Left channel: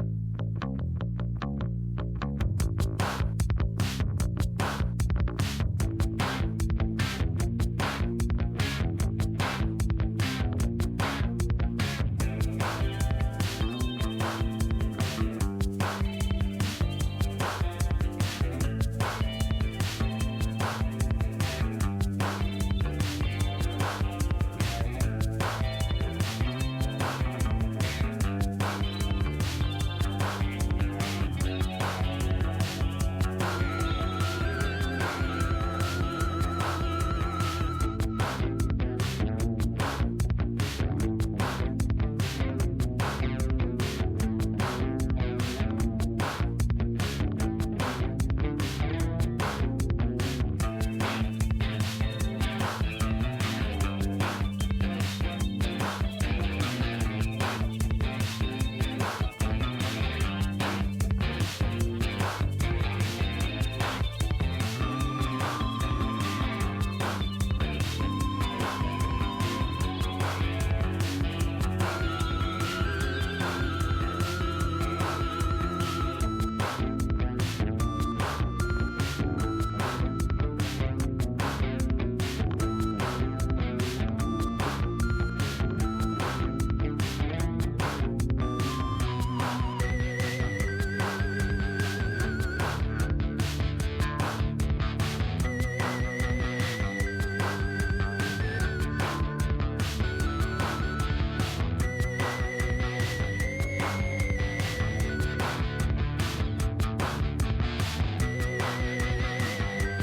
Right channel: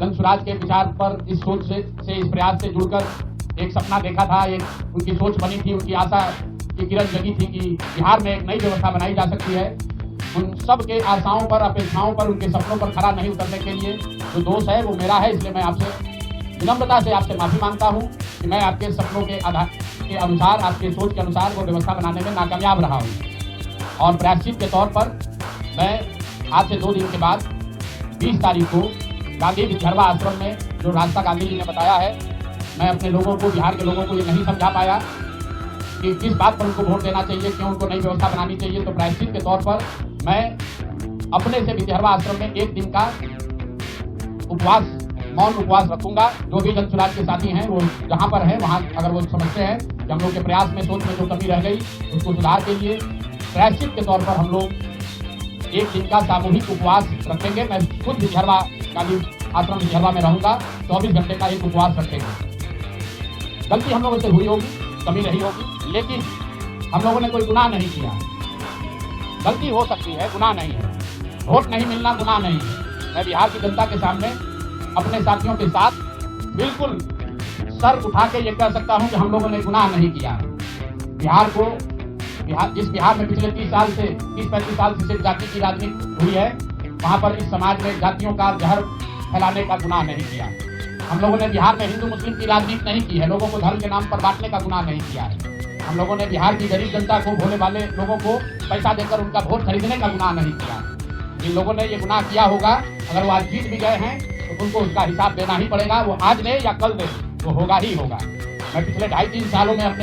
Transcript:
जन स्वराज के विचार पर इस सोच से इस प्रयास से जुड़कर एक सपना देखा था, एक उनकी सोच बनी थी, उनकी आशा की किरण जगी थी कि बिहार में एक नई व्यवस्था बनाई जा सकती है। उन सब के आशाओं पर, अपेक्षाओं पर, उनके सपनों पर खरा नहीं उतरने के लिए जो दोष है वो मेरा है। इसलिए मैं आपसे विनम्रता से आपसे माफ़ी मांगता हूँ कि मैं आपके सपनों के आधार के अनुसार, आपकी सोच के अनुसार वो व्यवस्था बनाने में नाकामयाब रहा हूँ। और प्रायश्चित के तौर पर मैं आज से 2 दिन के बाद 20 तारीख को गांधी विधर्वा आश्रम में जो रास्ता गांधी जी ने बताया है, मैं अपने लोगों को, बिहार के लोगों को ये नहीं समझा पाया कि किस बात पर उनको वोट देना चाहिए, क्यों उनको नई व्यवस्था बनानी चाहिए। तो प्रायश्चित के तौर पर मैं अपने से विधर्वा आश्रम में 1 दिन का उपवास, मौन उपवास रखूंगा। जो भी जन स्वराज के साथी हैं वो जहाँ पर हैं वहाँ अगर वो समझते हैं कि हम लोग के प्रयास में, सोच में जो कमी रह गई उसको सुधार के लिए प्रायश्चित के तौर पर हम लोग 1 दिन का सामूहिक उपवास रखेंगे। मैं खुद विधर्वा गांधी आश्रम विधर्वा में रहूँगा, 24 घंटे का एक उपवास रखेंगे। गलती हम लोगों से हुई होगी, कमी रही होगी, लेकिन हम लोगों ने कोई गुनाह नहीं किया। गलती हो सकती है, गुनाह नहीं है। वोट नहीं मिलना गुनाह नहीं है। मैं बिहार की जनता के सामने अपने साथियों के साथ बिल्कुल सर उठा के ये कह सकता हूँ कि हम लोगों ने गुनाह नहीं किया। जिस बिहार में पिछले 30-35 साल से सिर्फ जाति की राजनीति हुई है, वहाँ पर इस समाज में जातियों का जहर फैलाने का गुनाह नहीं किया। हम लोगों ने बिहार में हिंदू मुस्लिम की राजनीति नहीं की है, लोगों को धर्म के नाम पर बांटने का गुनाह नहीं किया है। हम लोगों ने बिहार की गरीब जनता को, भोले वाले लोगों को पैसा देकर उनका वोट खरीदने का गुनाह नहीं किया। जिन लोगों ने ये गुनाह किया होगा, अगर वो आज जीत भी गए हैं तो उनको उसका हिसाब देना ही पड़ेगा। वो आज दे या कल दे, वो होगा ही होगा। मैं पिछले 2.5-3 सालों में अपने